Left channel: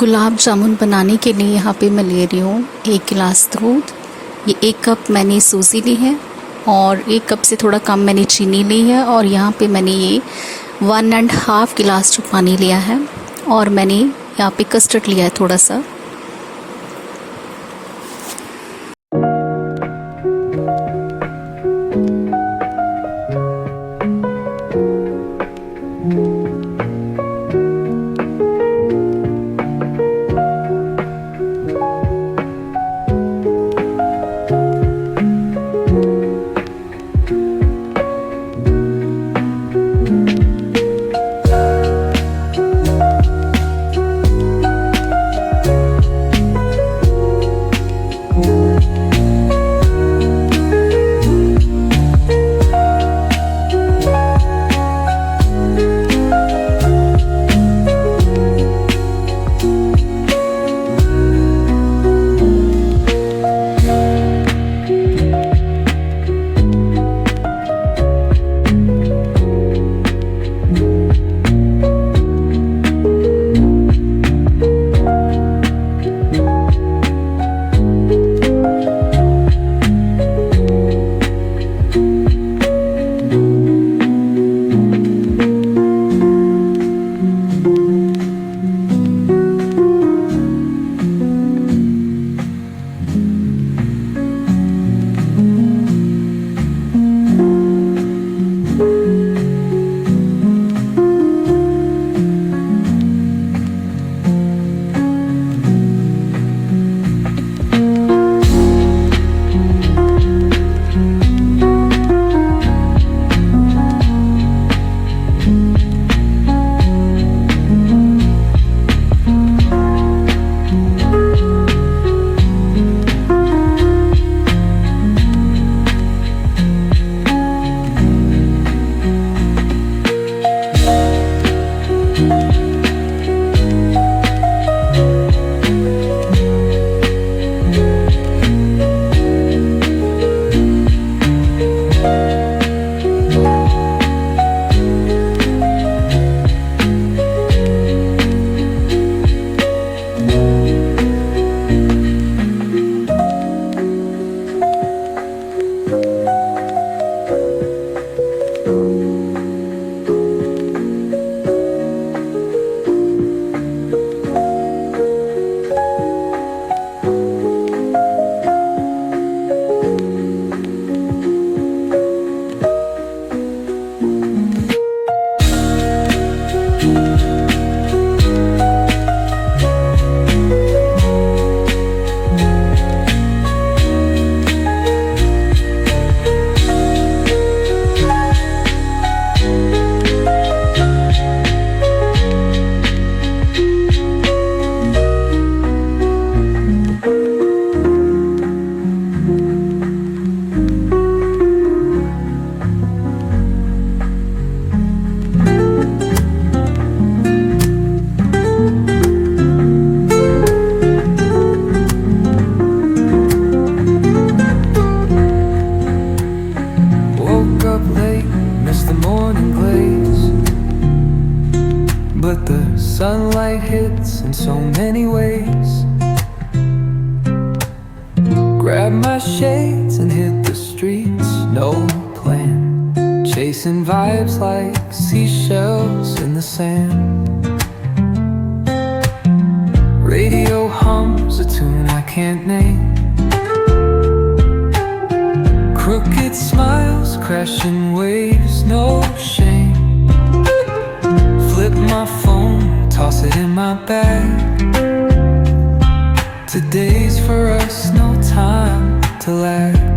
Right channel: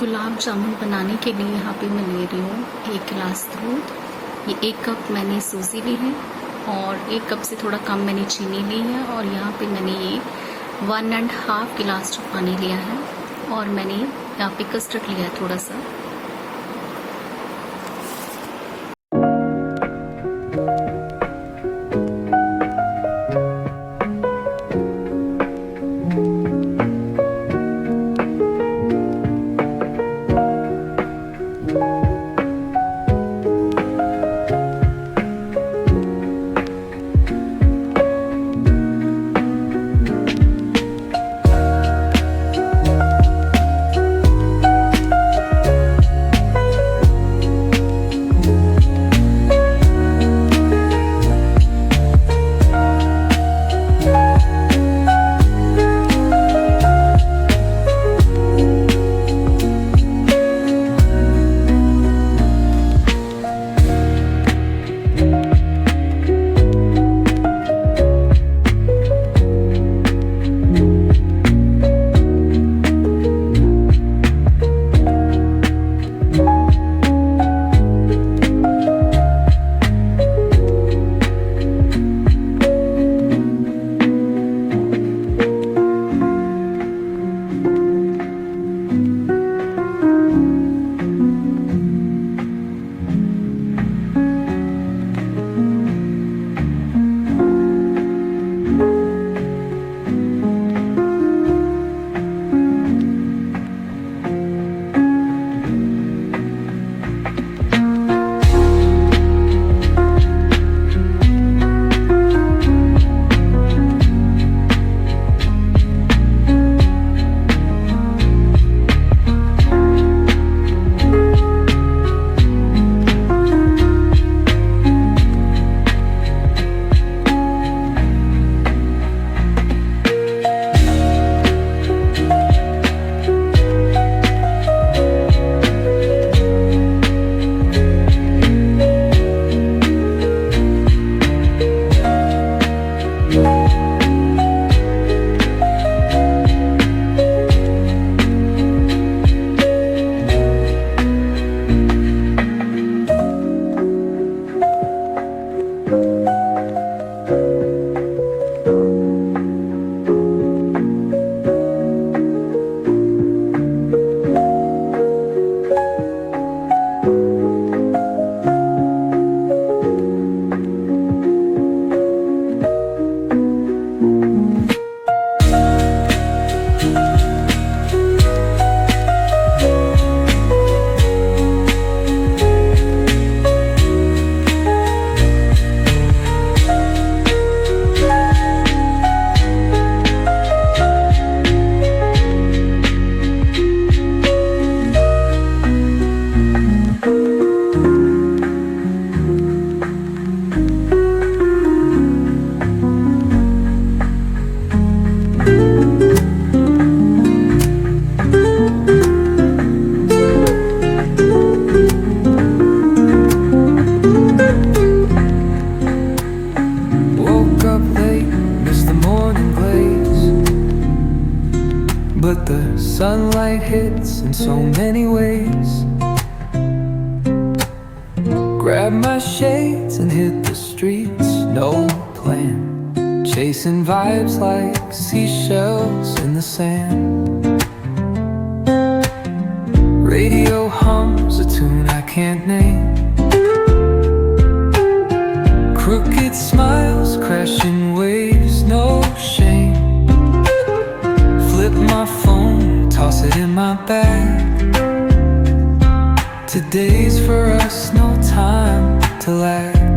गुलाब जामुन बनाने के लिए यहाँ पे मैं ले रही हूँ 1 गिलास दूध। ये 1 कप मैंने सूजी ली है और 1 कप से थोड़ा कम मैंने चीनी ली है। और यहाँ पे मैंने ये 1.5 गिलास जो पानी लिया है और मैंने यहाँ पे कस्टर्ड लिया है थोड़ा सा। But the sunlight hits in so many ways. Grab my shades and hit the streets, no plan. Chasing vibes like seashells in the sand. Radio hums a tune I can't name. Crooked smiles, crashing waves, no shame. Flip my phone, toss it in my bag. Today's for us, no time to lag.